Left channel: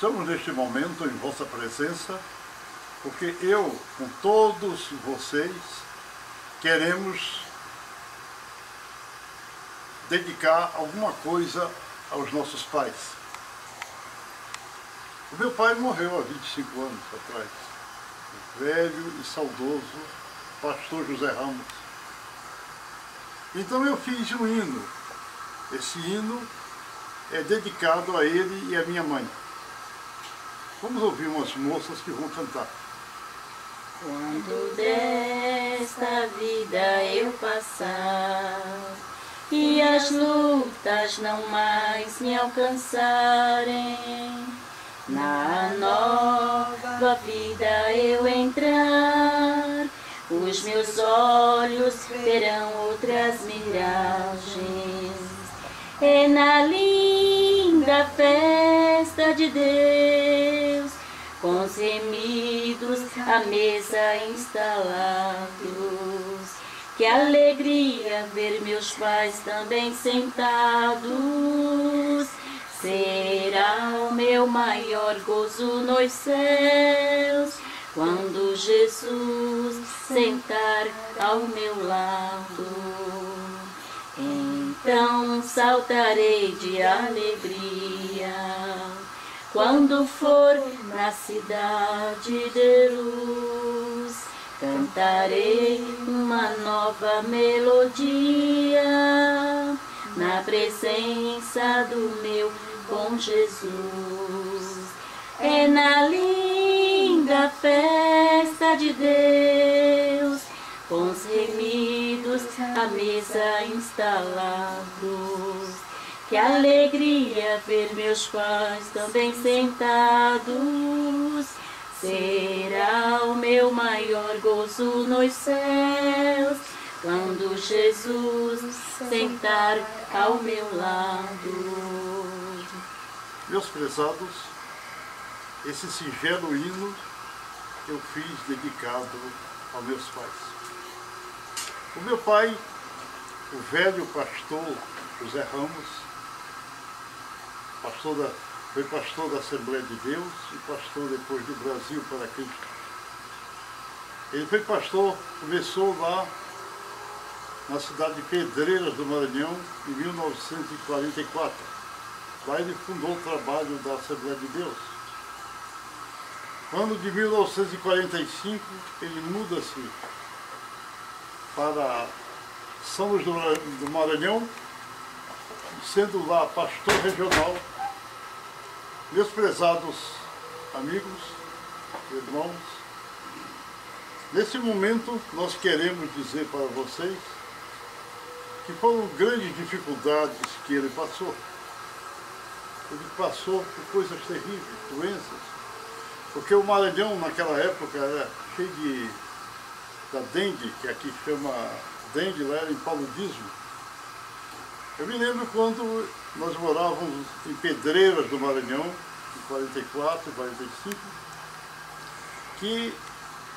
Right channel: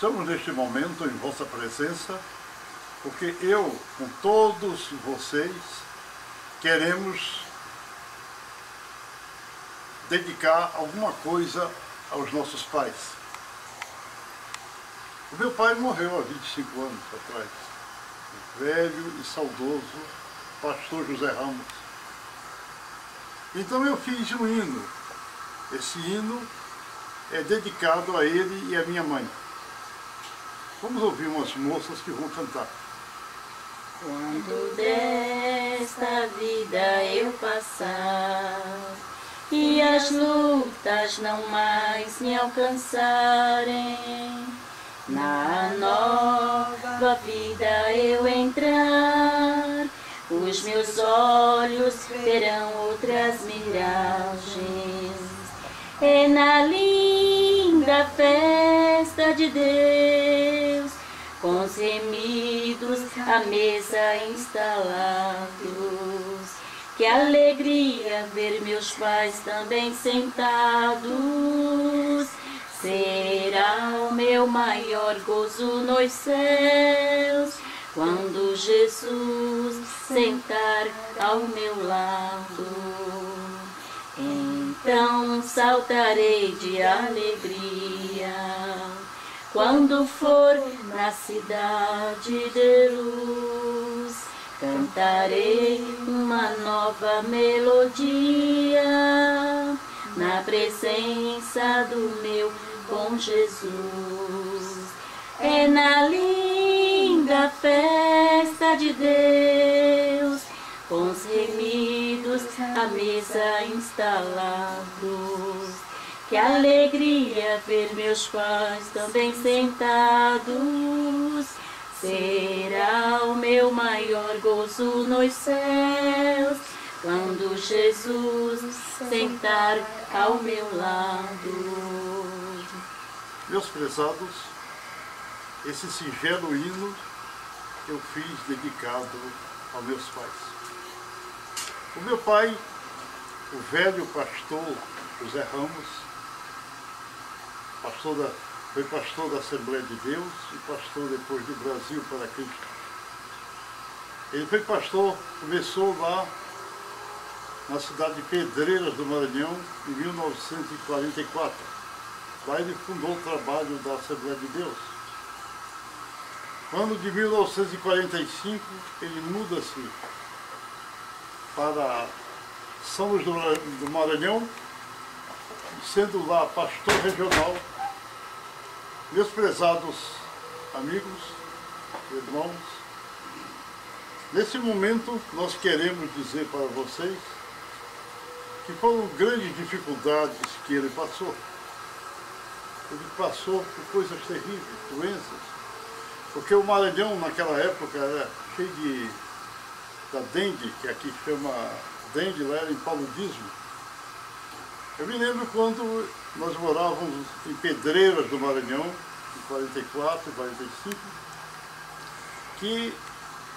Estamos neste momento em vossa presença, porque eu, com todos vocês, queremos dedicar alguma coisa aos nossos pais. O meu pai morreu há 25 anos atrás, o velho e saudoso pastor José Ramos. Então eu fiz um hino. Esse hino é dedicado a ele e à minha mãe. Vamos ouvir umas moças que vão cantar. Quando desta vida eu passar e as lutas não mais me alcançarem, na nova vida eu entrar, os meus olhos verão outras miragens. É na linda festa de Deus, com os remidos à mesa instalados, que alegria ver meus pais também sentados. Será o meu maior gozo nos céus, quando Jesus sentar ao meu lado. Então saltarei de alegria, quando for na cidade de luz. Cantarei uma nova melodia, na presença do meu bom Jesus. É na linda festa de Deus, com os remidos à mesa instalados, que alegria ver meus pais também sentados. Será o meu maior gozo nos céus, quando Jesus sentar ao meu lado. Meus prezados, esse singelo hino eu fiz dedicado aos meus pais. O meu pai, o velho pastor José Ramos, foi pastor da Assembleia de Deus e pastor depois do Brasil para Cristo. Ele foi pastor, começou lá na cidade de Pedreiras do Maranhão em 1944. Lá ele fundou o trabalho da Assembleia de Deus. No ano de 1945 ele muda-se para São Luís do Maranhão, sendo lá pastor regional. Meus prezados amigos, irmãos, nesse momento nós queremos dizer para vocês que foram grandes dificuldades que ele passou. Ele passou por coisas terríveis, doenças, porque o Maranhão naquela época era cheio da dengue, que aqui chama dengue, lá era em paludismo. Eu me lembro quando nós morávamos em Pedreiras do Maranhão, em 44, 45, que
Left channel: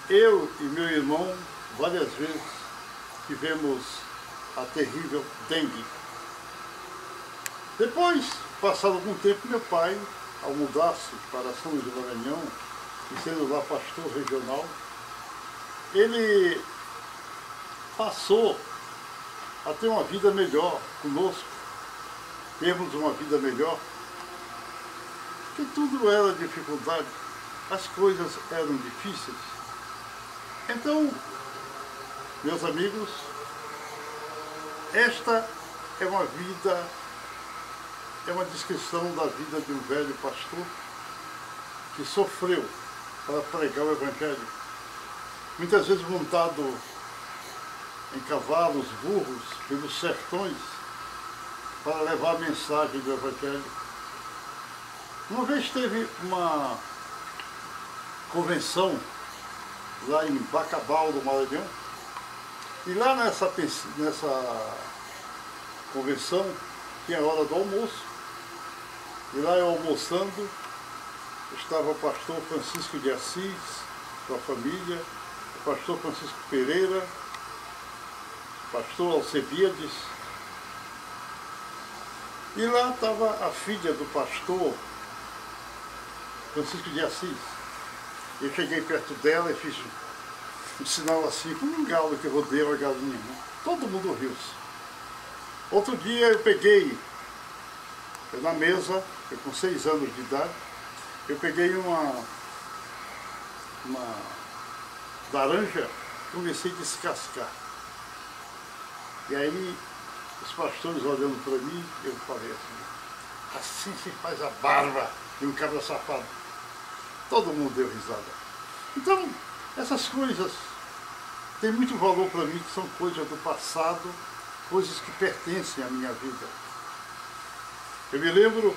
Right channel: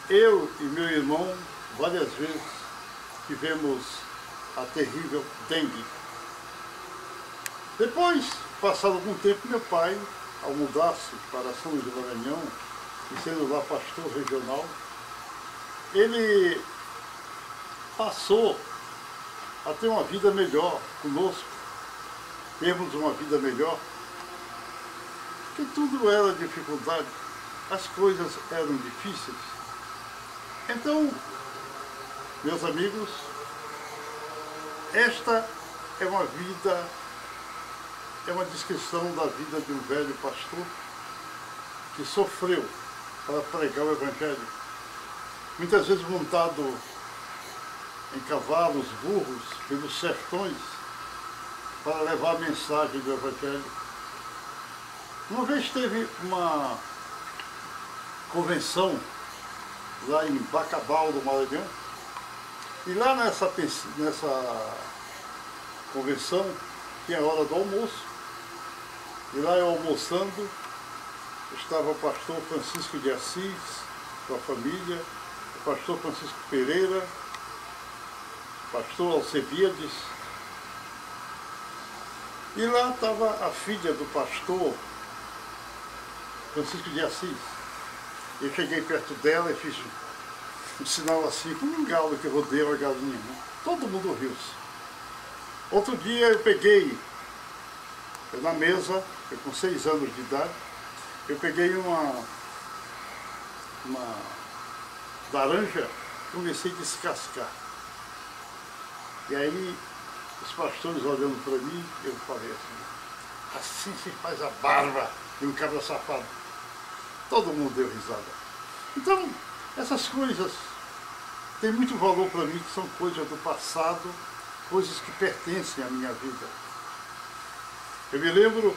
eu e meu irmão várias vezes tivemos a terrível dengue. Depois, passado algum tempo, meu pai, ao mudar-se para São Luís do Maranhão, e sendo lá pastor regional, ele passou a ter uma vida melhor conosco, termos uma vida melhor, porque tudo era dificuldade, as coisas eram difíceis. Então, meus amigos, esta é uma vida, é uma descrição da vida de um velho pastor que sofreu para pregar o Evangelho, muitas vezes montado em cavalos, burros, pelos sertões, para levar a mensagem do Evangelho. Uma vez teve uma convenção lá em Bacabal do Maranhão, e lá nessa convenção tinha a hora do almoço, e lá eu almoçando, estava o pastor Francisco de Assis, com a família, o pastor Francisco Pereira, o pastor Alcebiades, e lá estava a filha do pastor, Francisco de Assis. Eu cheguei perto dela e fiz um sinal assim, como um galo que rodeia uma galinha. Né? Todo mundo riu-se. Outro dia eu peguei, na mesa, eu com 6 anos de idade, eu peguei uma laranja, comecei a descascar. E aí, os pastores olhando para mim, eu falei assim se faz a barba de um cabra safado. Todo mundo deu risada. Então, essas coisas têm muito valor para mim, que são coisas do passado, coisas que pertencem à minha vida. Eu me lembro,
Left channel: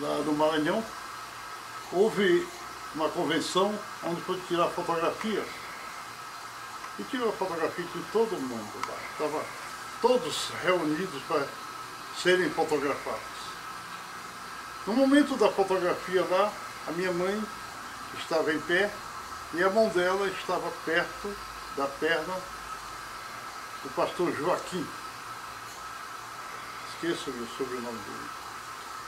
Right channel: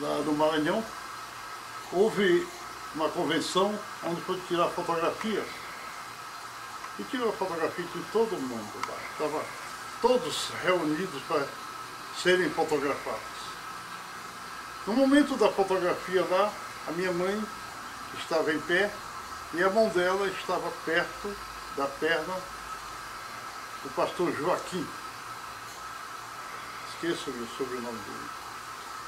lá no Maranhão, houve uma convenção onde foi tirar fotografias. E tirou a fotografia de todo mundo lá. Estavam todos reunidos para serem fotografados. No momento da fotografia lá, a minha mãe estava em pé e a mão dela estava perto da perna do pastor Joaquim. Esqueço o sobrenome dele.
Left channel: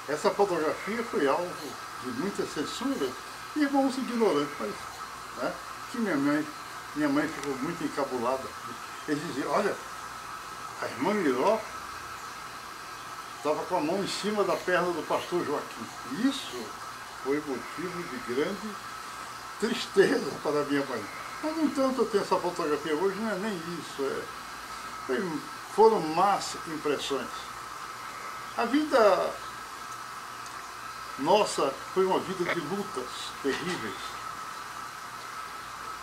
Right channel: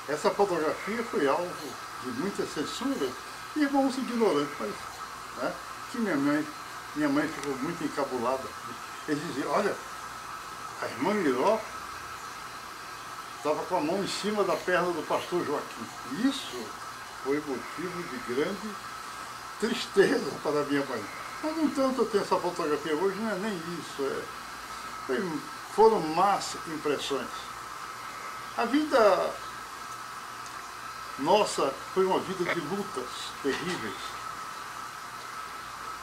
Essa fotografia foi alvo de muita censura e irmãos ignorantes, mas né, que minha mãe ficou muito encabulada. Eles diziam, olha, a irmã Miró estava com a mão em cima da perna do pastor Joaquim. Isso foi motivo de grande tristeza para a minha mãe. Mas, no entanto, eu tenho essa fotografia hoje, não é nem isso. Foram más impressões. A vida nossa foi uma vida de lutas terríveis.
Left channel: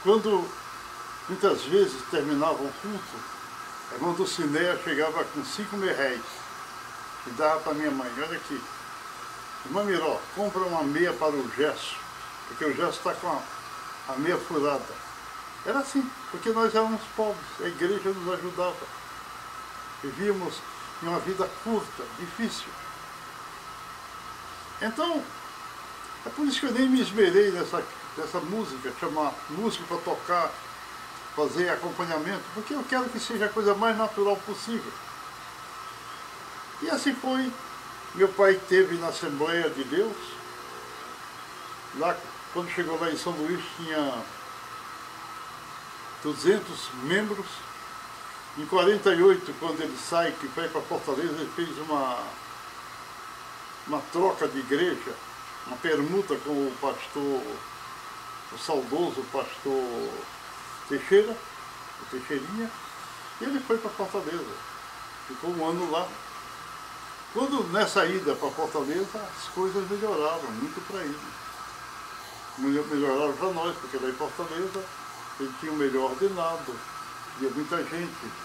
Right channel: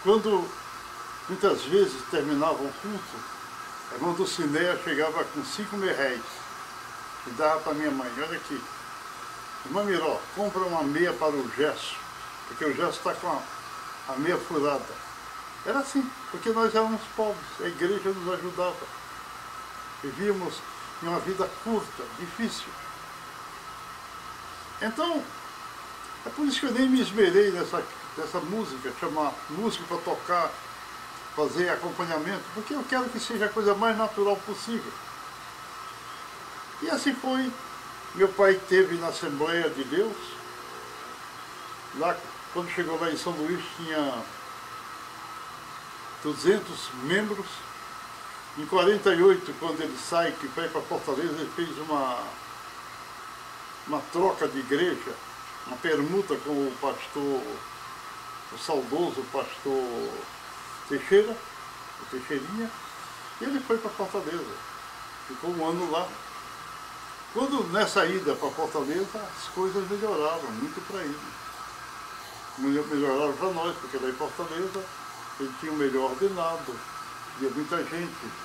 Quando muitas vezes terminava o culto, a irmã Dulcinea chegava com 5.000 réis e dava para minha mãe, olha aqui, irmã Miró, compra uma meia para o Gesso, porque o Gesso está com a meia furada. Era assim, porque nós éramos pobres, a igreja nos ajudava. Vivíamos em uma vida curta, difícil. Então, é por isso que eu nem me esmerei nessa música, chamar música para tocar, fazer acompanhamento, porque eu quero que seja a coisa mais natural possível. E assim foi. Meu pai esteve na Assembleia de Deus. Lá, quando chegou lá em São Luís, tinha 200 membros. Em 48, quando ele sai, que vai para Fortaleza, ele fez uma troca de igreja, uma permuta com o pastor, o saudoso pastor Teixeira, o Teixeirinha, e ele foi para Fortaleza. Ficou um ano lá. Quando nessa ida para Fortaleza, as coisas melhoraram muito para ele. Melhoraram para nós, porque lá em Fortaleza ele tinha um melhor ordenado, tinha muita gente.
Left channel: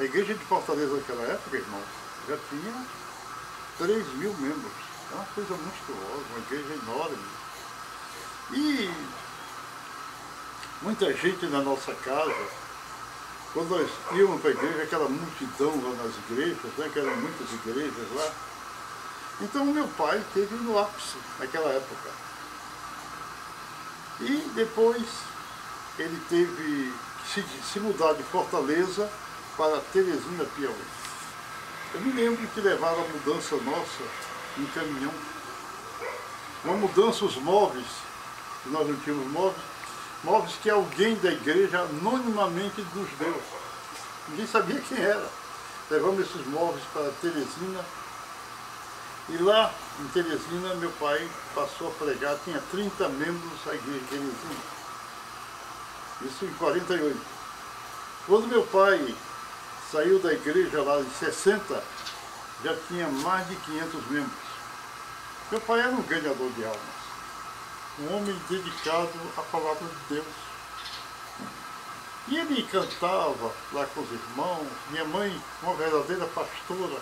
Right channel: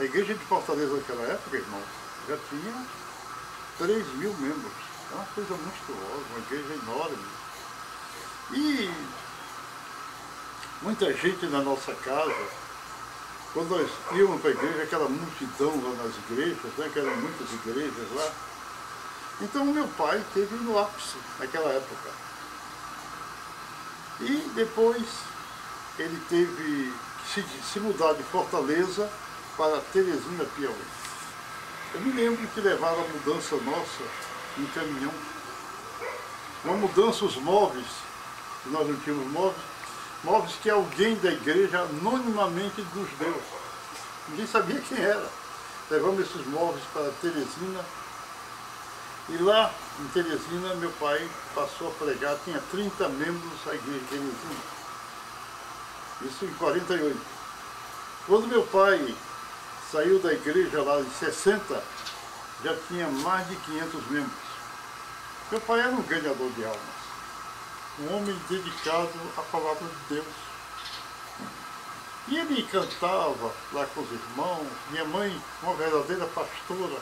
A igreja de Fortaleza naquela época, irmão, já tinha 3.000 membros. É uma coisa monstruosa, uma igreja enorme. E muita gente na nossa casa, quando nós íamos para a igreja, aquela multidão lá nas igrejas, né, que eram muitas igrejas lá. Então meu pai esteve no ápice naquela época. E depois ele teve que se mudar de Fortaleza para Teresina, Piauí. Eu me lembro que levaram a mudança nossa em caminhão. Uma mudança, os móveis, que nós não tínhamos móveis que alguém da igreja anonimamente nos deu. Ninguém sabia quem era. Levamos esses móveis para Teresina. E lá em Teresina, meu pai passou a pregar, tinha 30 membros a igreja de Teresina. Isso em 48. Quando meu pai saiu da igreja lá em 60, já tinha mais de 500 membros. Meu pai era um ganhador de almas, um homem dedicado à palavra de Deus. E ele cantava lá com os irmãos, minha mãe, uma verdadeira pastora,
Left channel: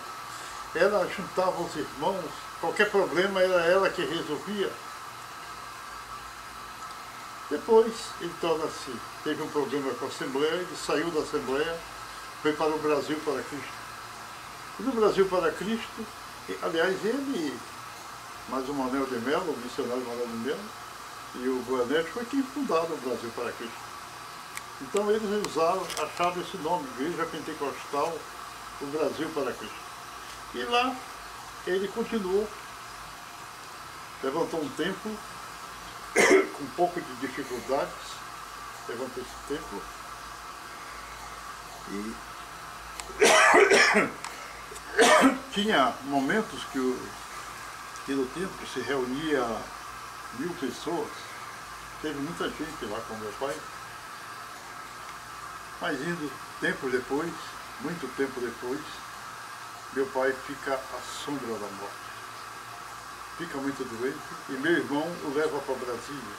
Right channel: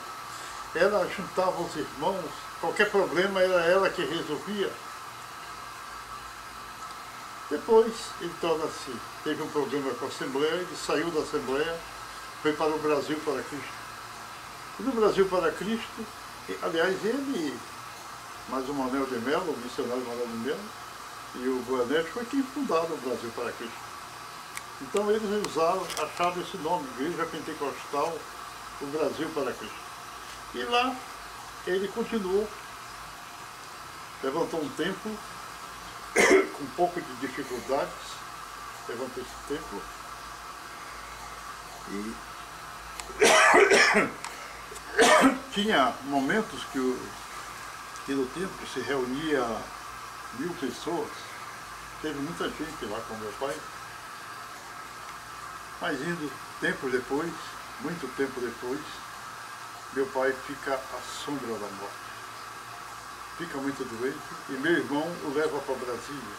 ela juntava os irmãos, qualquer problema era ela que resolvia. Depois ele teve um problema com a Assembleia, ele saiu da Assembleia, foi para o Brasil para Cristo. E no Brasil para Cristo, aliás, ele, mais o Manuel de Mello, o missionário Manuel de Mello, e o Boanerges foi quem fundaram o Brasil para Cristo. Então eles acharam esse nome, Igreja Pentecostal, o Brasil para Cristo. E lá ele continuou. levantou um templo com um pouco de dificuldades, levantou esse templo e tinha momentos que no templo se reunia 1000 pessoas, teve muita gente lá com meu pai, mas indo tempo depois, muito tempo depois, meu pai fica à sombra da morte. Fica muito doente e meu irmão o leva para Brasília.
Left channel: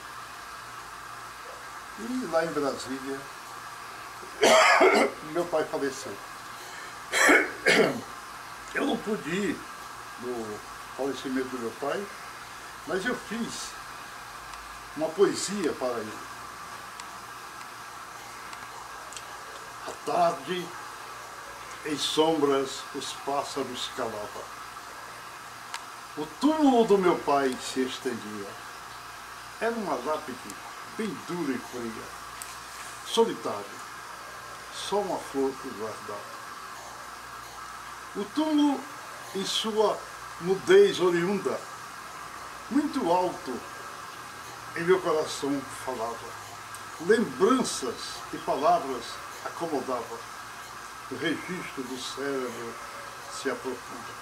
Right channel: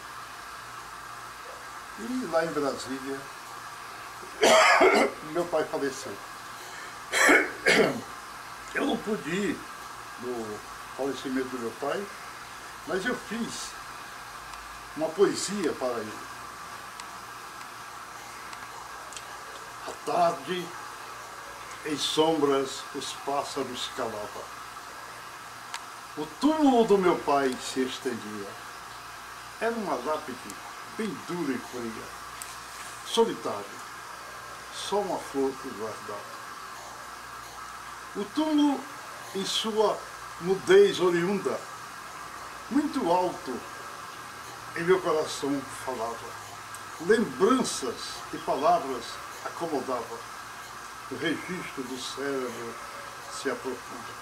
E lá em Brasília, meu pai faleceu. Eu não pude ir no falecimento do meu pai, mas eu fiz uma poesia para ele. À tarde, em sombras, os pássaros calavam. O túmulo do meu pai se estendia. Era uma lápide bem dura e fria, solitário, só uma flor que guardava. O túmulo, em sua mudez oriunda, muito alto, em meu coração falava. Lembranças e palavras acomodavam. O registro do cérebro se aprofunda.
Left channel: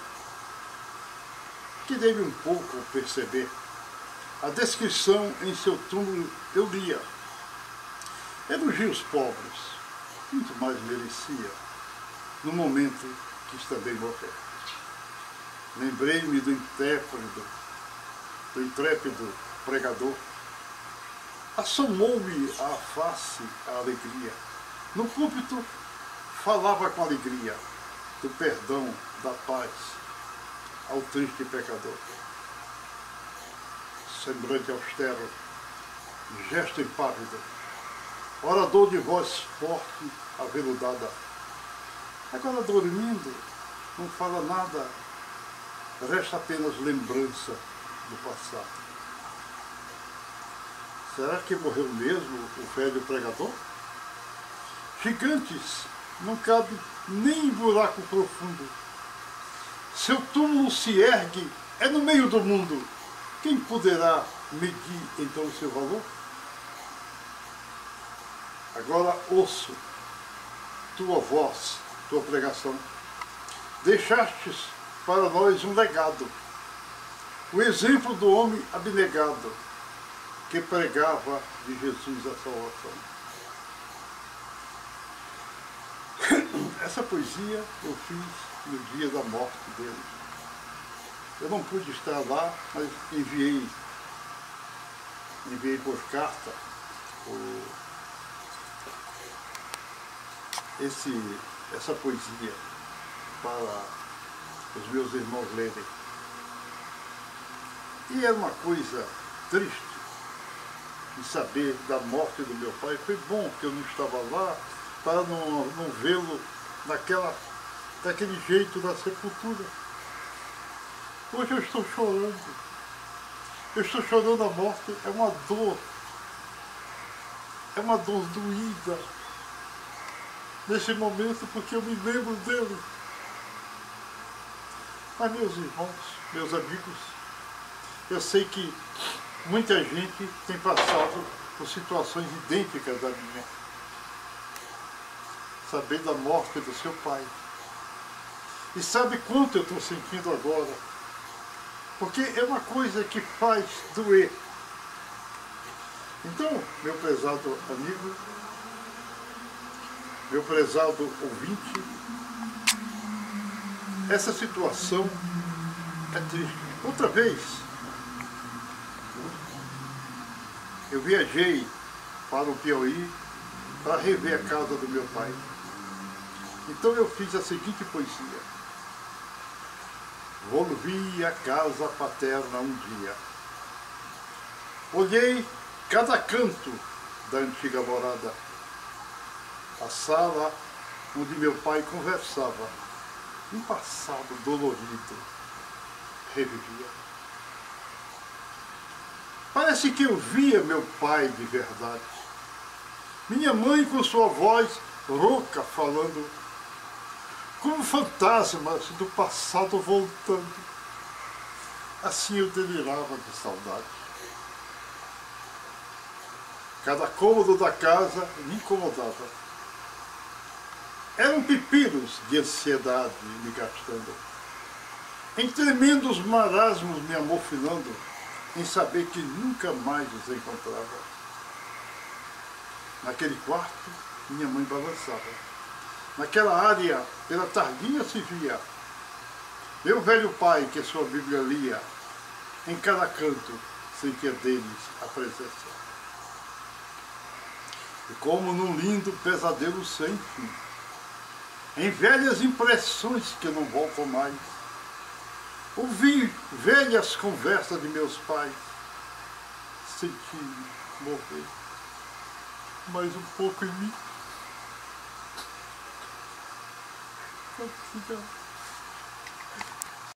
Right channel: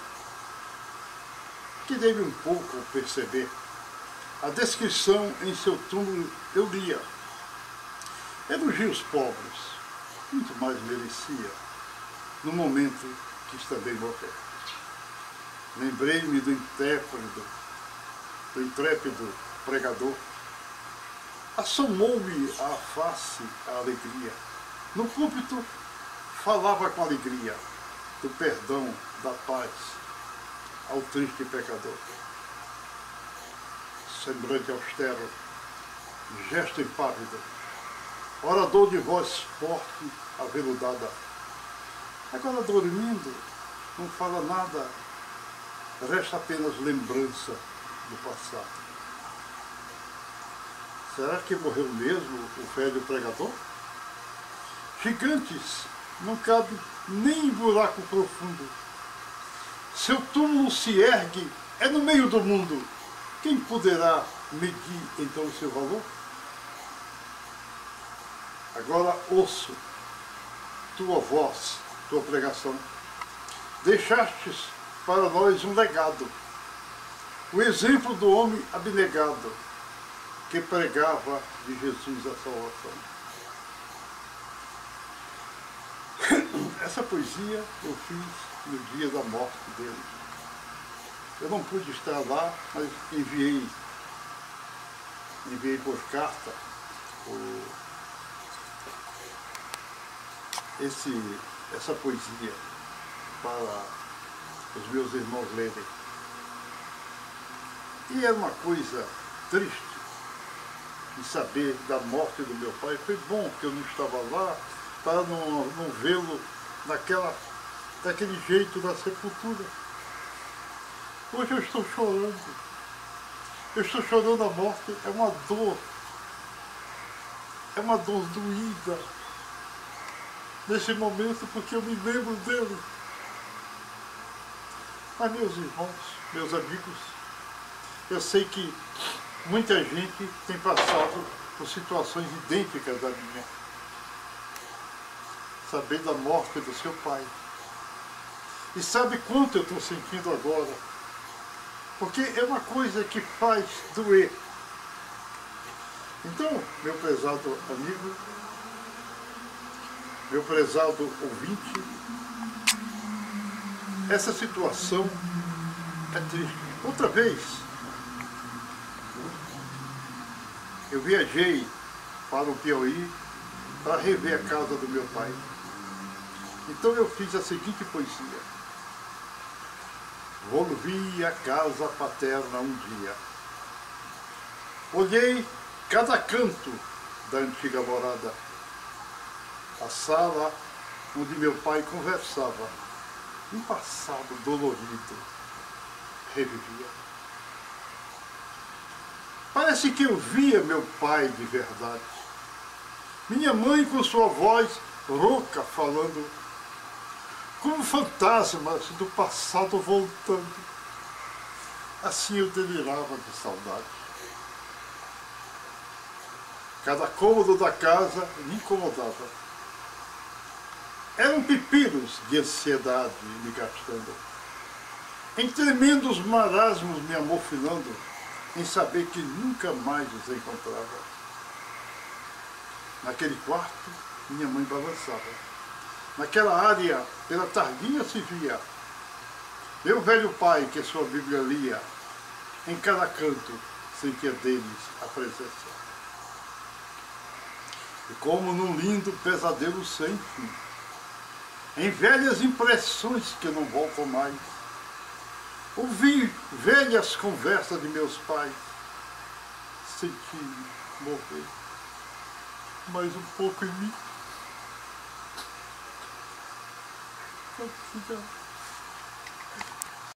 Que deve um pouco perceber. A descrição em seu túmulo eu lia. Elogios pobres, muito mais merecia, no momento que também morrer. Lembrei-me do intrépido pregador. Assomou-me à face a alegria. No púlpito falava com alegria do perdão, da paz ao triste pecador. Semblante austero, gesto impávido, orador de voz forte, aveludada. Agora dormindo, não fala nada, resta apenas lembrança do passado. Será que morreu mesmo o velho pregador? Gigantes, não cabe nem em buraco profundo. Seu túmulo se ergue, é no meio do mundo. Quem poderá medir então o seu valor? Agora ouço tua voz, tua pregação. Deixastes para nós um legado, o exemplo do homem abnegado, que pregava de Jesus a salvação. Essa poesia eu fiz no dia da morte dele. Eu não pude estar lá, mas enviei por carta essa poesia para os meus irmãos lerem. E era uma coisa triste de saber da morte do meu pai. Foi bom que eu não estava lá para não vê-lo daquele jeito da sepultura. Hoje eu estou chorando. Eu estou chorando a morte. É uma dor. É uma dor doída nesse momento, porque eu me lembro dele. Mas meus irmãos, meus amigos, eu sei que muita gente tem passado por situações idênticas à minha. Saber da morte do seu pai. E sabe quanto eu estou sentindo agora? Porque é uma coisa que faz doer. Então, meu prezado amigo, meu prezado ouvinte, essa situação é triste. Outra vez, eu viajei para o Piauí para rever a casa do meu pai. Então eu fiz a seguinte poesia. Volvi à casa paterna um dia. Olhei cada canto da antiga morada. A sala onde meu pai conversava. Um passado dolorido revivia. Parece que eu via meu pai de verdade. Minha mãe com sua voz rouca falando, como fantasmas do passado voltando. Assim eu delirava de saudade. Cada cômodo da casa me incomodava. Eram pepinos de ansiedade me gastando, em tremendos marasmos me amofinando, em saber que nunca mais os encontrava. Naquele quarto, minha mãe balançava. Naquela área, pela tardinha se via meu velho pai, que sua Bíblia lia, em cada canto, sentia deles a presença. E como num lindo pesadelo sem fim, em velhas impressões que não voltam mais, ouvi velhas conversas de meus pais, senti morrer mais um pouco em mim. Não precisava.